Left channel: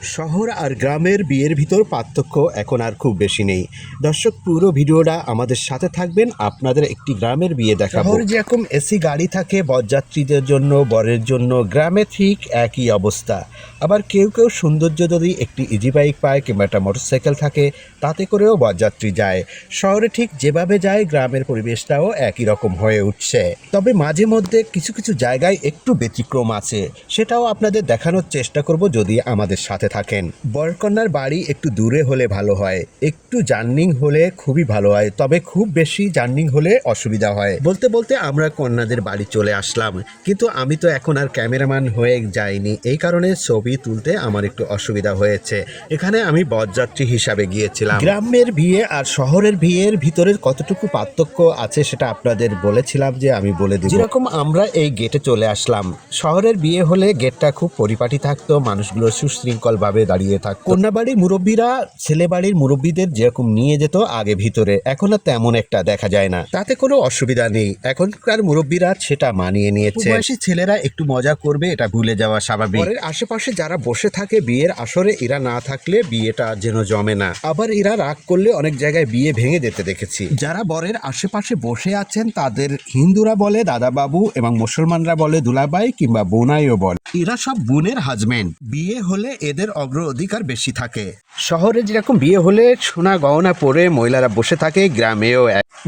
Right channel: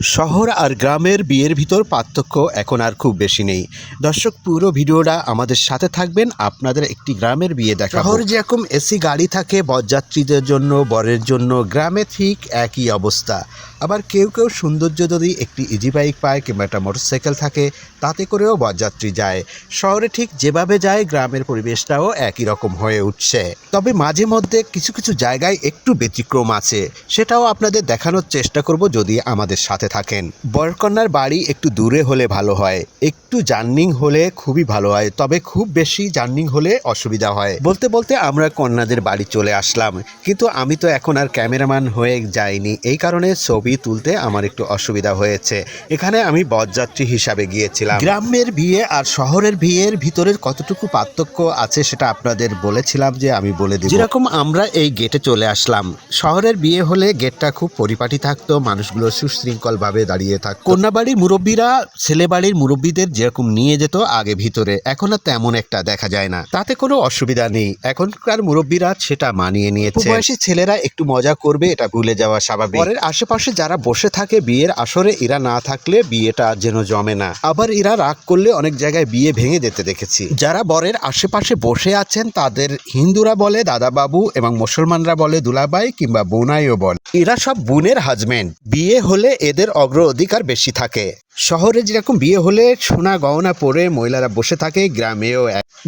শহর আর গ্রামের বিয়ের ভিতর পার্থক্য এখন আর খুব বেশি নেই। দর্শক, পুরো ভিডিওটা আমাদের সাথে থাকবেন, আপনাদের একটি গ্রামের বিয়ে দেখাবো। শহর যেরকম এসি গাড়ি থাকে বরযাত্রীদের জন্য, বরের জন্য, গ্রামে ঠিক একই অবস্থা। আবার কেউ কেউ সৌন্দর্য যদি একটি ইজি বাইক পায় কিংবা একটা মোটরসাইকেল থাকে, তাতে করেও বরযাত্রী যায়। শহরে ঠিক যেভাবে যায় গ্রামের পরিবেশটাও একই রকম হয়ে উঠছে। তবে মাঝে মধ্যে কিছু কিছু জায়গায় একটু ব্যতিক্রম আছে, সেটাও আপনাদের দেখানোর চেষ্টা করব যদি আমাদের সাথে থাকেন। বরকন্যার বাড়ি একটু দূরে হলে ভালো হয়, একটু জার্নিং হলে খুবই ভালো হয়, তবে খুব বেশি জার্নিং হলে অসুবিধা হয়। বলতে বলতে আমরা কন্যাদের বাড়ি চলে আসলাম, কিন্তু আমি তো এখন আর ক্যামেরাম্যান হয়ে যাইনি, এই কারণে ছবি তুলতে আমার একটু অসুবিধা হয়েছে। এখানে আমি বরযাত্রী হিসাবে গিয়েছিলাম। গ্রামের বিয়ে আর শহরের বিয়ের ভিতরের কতটুকু পার্থক্য আছে সেটা আপনাদের বলেছিলাম যে আমি বলে দিব। যেরকম আমরা এই গেটে চলে আসলাম, শহরের বিয়ে হলে গেটটা খুব পরিপাটি থাকতো, মানুষগুলো সুশৃঙ্খল ভাবে দাঁড়িয়ে থাকতো। কন্যা বাড়ির মুরব্বীরা ছেলে বাড়ির মুরব্বীদের যেরকম নিয়ে যেত আগে ভিতরে, এখন আর তেমন একটা দেখা যায় না। তাতে কোনো অসুবিধা নেই, এখনকার মুরব্বীরা সেটা মানিয়ে নিয়েছে। বয়সী ছেলেরা একটু মজা করবে, এটা ভুলে যাওয়া স্বাভাবিক। পরের আশেপাশে যারা বসে থাকে বিয়ের আসরে, এরা না থাকলে বিয়েটা যেন জমে না। আবার এরা রাগ করলে অনেক জায়গায় বিয়ে ভেঙে যেতে দেখেছি। যারা বরের আশেপাশে বসে আছেন তাদের হিন্দুরা বলে দাদা বাবু এবং মুসলমানরা বলে দুলাভাই কিংবা বোনাইও বলে। এরা সব বোনের হাজবেন্ড। বিয়ে হলে এদের অগ্রাধিকার বেশি থাকে। শহরে যেরকম বিয়ে হলে সোনা গহনা পরে মহিলারা বসে থাকে, গ্রামেও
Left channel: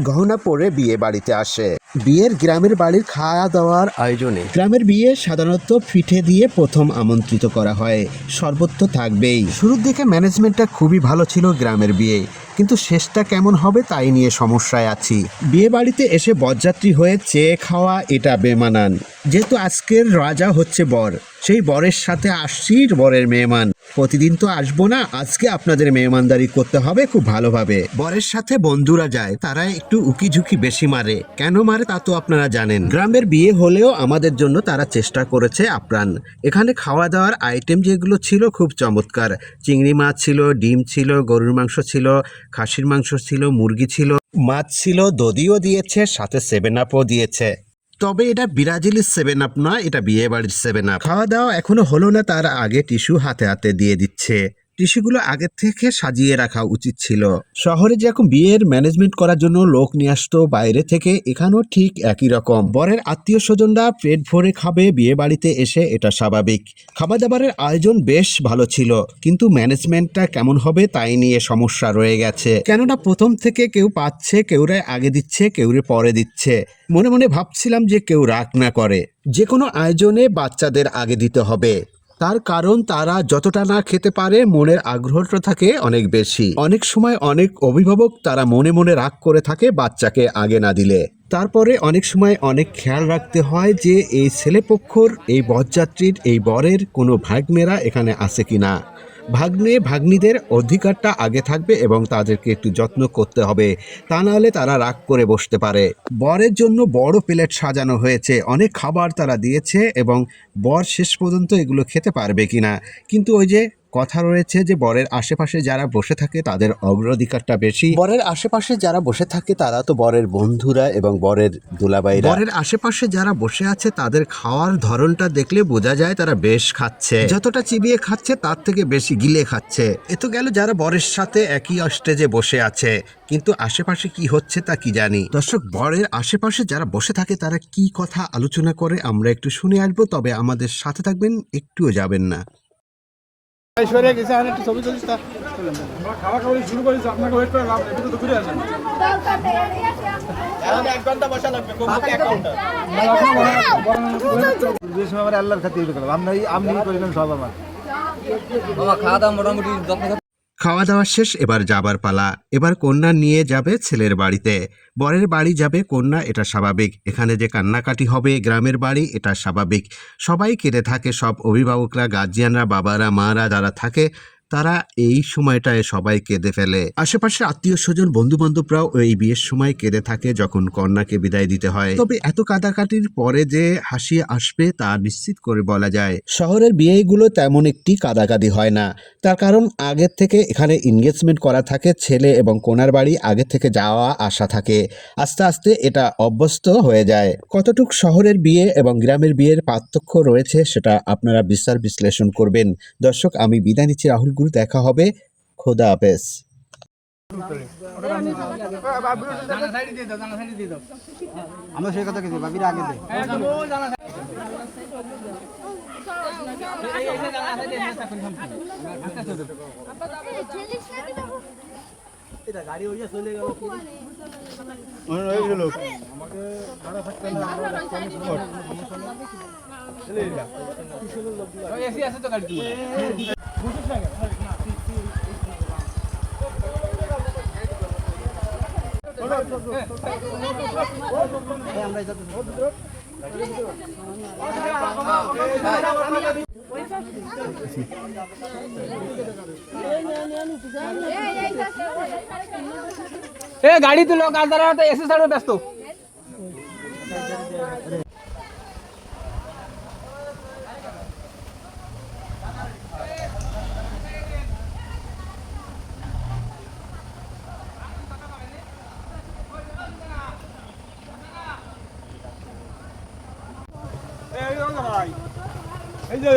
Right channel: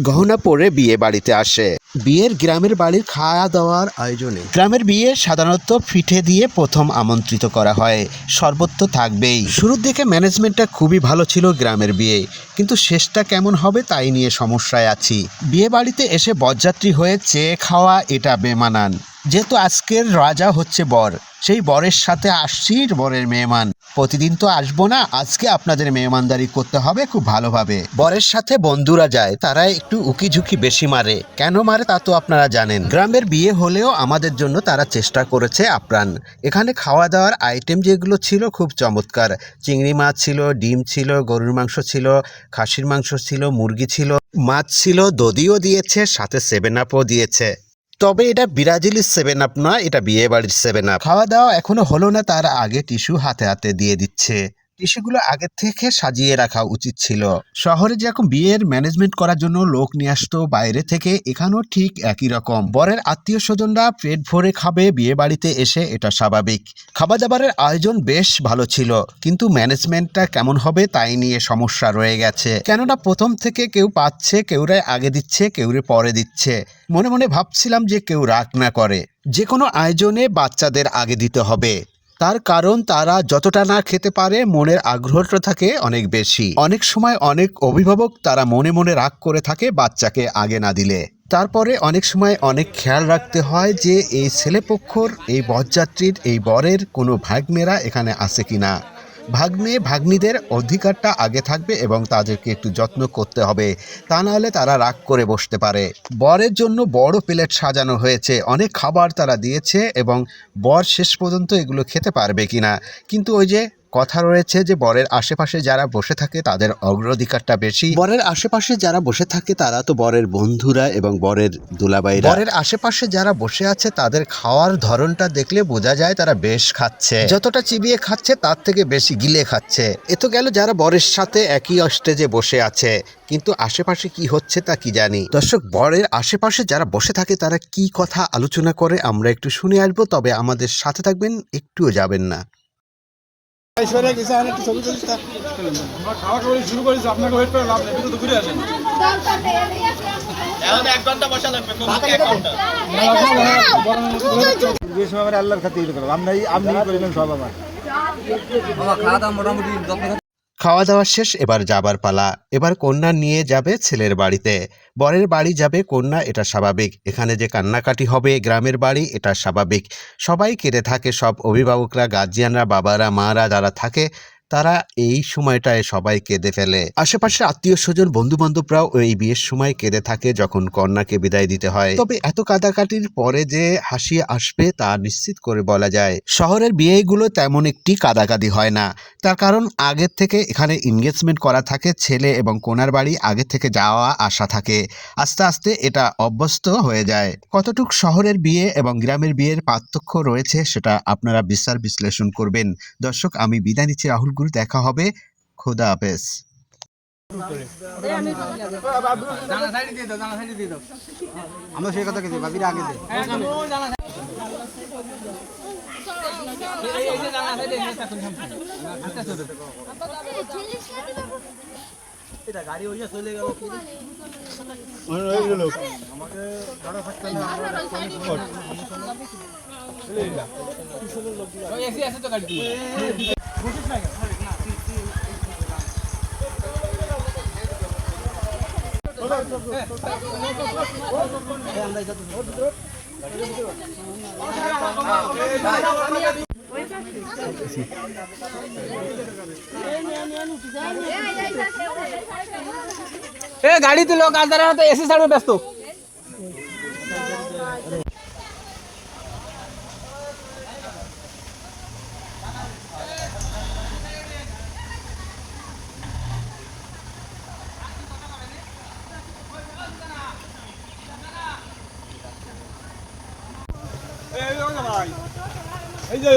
গহনা পরে বিয়ে বাড়িতে আসে। বিয়ের গ্রামের বাড়ির খাওয়া দাওয়ার আয়োজনে গ্রামের বিয়ে সাধারণত পিঠে দিয়ে প্রথম আমন্ত্রিত করা হয়, শরবত তো থাকবেই। শুরুর দিকে ম্যানেজমেন্টটা খুবই ভালো ছিল গ্রামের বিয়ে, কিন্তু শেষটা কেমন হবে তাই নিয়ে সমস্যায় আছি। বিয়ে বাড়িতে এসে বরযাত্রী হয়ে চেয়ে খাওয়া এটা বেমানান। যেহেতু আজকের রাজা হচ্ছে বর, সেই বরের সাথে আসছি বরের মেহমান। প্রতিদিন তো আসবো না, আজকে আপনাদের মেহমানদারি করতে হবে খুব ভালোভাবে। বরের সাথে বন্ধুরা যায়, তারা একটু উকি ঝুঁকি বেশি মারে। কেন মারে তা তো আপনারা জানেন। গ্রামের বিয়ে হলেও আমাদের জন্য তারা চেষ্টা করেছে আপ্রাণ। এখানে খাওয়া দাওয়ার আইটেম যেগুলো ছিল খুব চমৎকার। চিংড়ি মাছ ছিল, ডিম ছিল, গরুর মাংস ছিল, খাসির মাংস ছিল, মুরগি ছিল, মাছ ছিল, দধিও দিয়েছে, সাথে 7 আপও দিয়েছে। তবে এটা ব্রাজিলের 7 আপ নয়, এটা বিয়ে বাড়ির 7 আপ। খাওয়া দাওয়া এখনো হলো না, তার আগে টিস্যু হাতে হাতে দিয়ে দিচ্ছে। টিস্যুগুলো আগে থেকে সাজিয়ে রাখা উচিত ছিল। শহরে যেরকম বিয়ের ম্যানেজমেন্ট করার জন্য লোক নিয়ে আসতো বাইরে থেকে, এখানেও ঠিক একই রকম। বরের আত্মীয় স্বজনরা পেট ভরে খাবে বিয়ে বাড়িতে এসে, এটা স্বাভাবিক। খাবার দাবারের আয়োজন বেশ ভালো ছিল, কিন্তু ম্যানেজমেন্টটা কেমন হবে তাই নিয়ে সমস্যা রয়ে গেছে। কেননা প্রথম থেকে কেউ পাচ্ছে, কেউরে আগে দিচ্ছে, কেউরে পরে দিচ্ছে। মনে মনে ভাবছিলাম যে কেউ রাগ না করে। যে কোনো আয়োজনে বাচ্চাদের আগে দিতে হবে, তার কারণ তারা যতটা না খেতে পারে মনের আগ্রহটা থাকে অনেক বেশি। অনেক সময় অনেক অভিভাবক তারা মনে মনে রাগ করে থাকে বাচ্চাকে আগে না দিলে। তারপরে অনেক সময় অনেক খেয়াল রাখতে হয় যে এই ছেলেপক্ষর, এই বরযাত্রীর, এই বরের কোনো ভাগ্নেরা এখানে আছে কিনা। ভাগ্নে ভাগ্নিদের অধিকারটা আগে থাকবে এবং তাদেরকে একটু যত্ন করতে হবে, তা নাহলে তারা রাগ করে বসতে পারে। বরের জন্য বড় প্লেট সাজানো হয়েছে, অনেক খাবার তারা দিয়েছে এবং বর শেষ পর্যন্ত এগুলো খেতে পারবে কিনা। কিন্তু ওই যে কথা রয়েছে যে বরের আশেপাশে যারা বসে থাকে তাদের অগ্রাধিকারটা বেশি। বরের আশেপাশে যারা বসে থাকে তারা তো বরের বন্ধুরা এবং বরের দুলাভাইরা। বরের আশেপাশে যারা বসে আছে তাদের খাওয়ার ধরনটা দেখলে বোঝা যায় তারা বেশ খাচ্ছে। যতটা চিবিয়ে খাচ্ছে তার থেকে বেশি গিলে খাচ্ছে। এ তো গেল যারা বরের সাথে একই স্টেজে বসে আছে, কিন্তু আশেপাশে কি হচ্ছে তা কি জানি। দর্শক, বরের আশেপাশে যারা বসে থাকে তারা কি কথা আলোচনা করে আমরা একটু শুনে আসবো, তবে আমাদের সাথে থাকবেন, একটুও যাবেন না। খাওয়া দাওয়া শেষ, এবার যাবার পালা। এবার কন্যা নিয়ে যাবে ছেলের বাড়িতে, বরের বাড়ি যাবে কন্যা, এটা স্বাভাবিক। এখানে যে কান্নাকাটি হবে গ্রামের বাড়ি, এটা স্বাভাবিক। সবাই কেঁদে থাকে, সব অভিভাবকরা, গার্জিয়ানরা, বাবারা, মারা যারা থাকে তারা এই সময়টায় সবাই কেঁদে ফেলে। আশেপাশে আত্মীয় স্বজন বন্ধু বান্ধবরাও এই বিয়ের সময় কেঁদে থাকে যখন কন্যাকে বিদায় দিতে হয়। তবে এত কাটাকাটির পরে যে হাসি আসবে তা নিশ্চিত করে বলা যায়। শহরের বিয়েগুলো তেমন একটি কাদাকাদি হয় না, তার কারণ আগের থেকে এখানে এনগেজমেন্ট করা থাকে, ছেলে এবং কন্যার বাড়ি আগে থেকে যাওয়া আসা থাকে, আস্তে আস্তে এটা অভ্যস্ত হয়ে যায়। কতটুক শহরের বিয়ে এবং গ্রামের বিয়ের পার্থক্য রয়েছে সেটা আপনারা বিচার বিশ্লেষণ করবেন। দর্শক, আমি বিদায় নিচ্ছি রাহুল গুরু, দেখা হবে, খোদা হাফেজ। আমরা সেই কথা কিছু ভাবি আগে গাড়ি হইয়া চলে গেল গাড়িতে লোক আর তারা এসি সাইডে ব্যস্ত। এই যে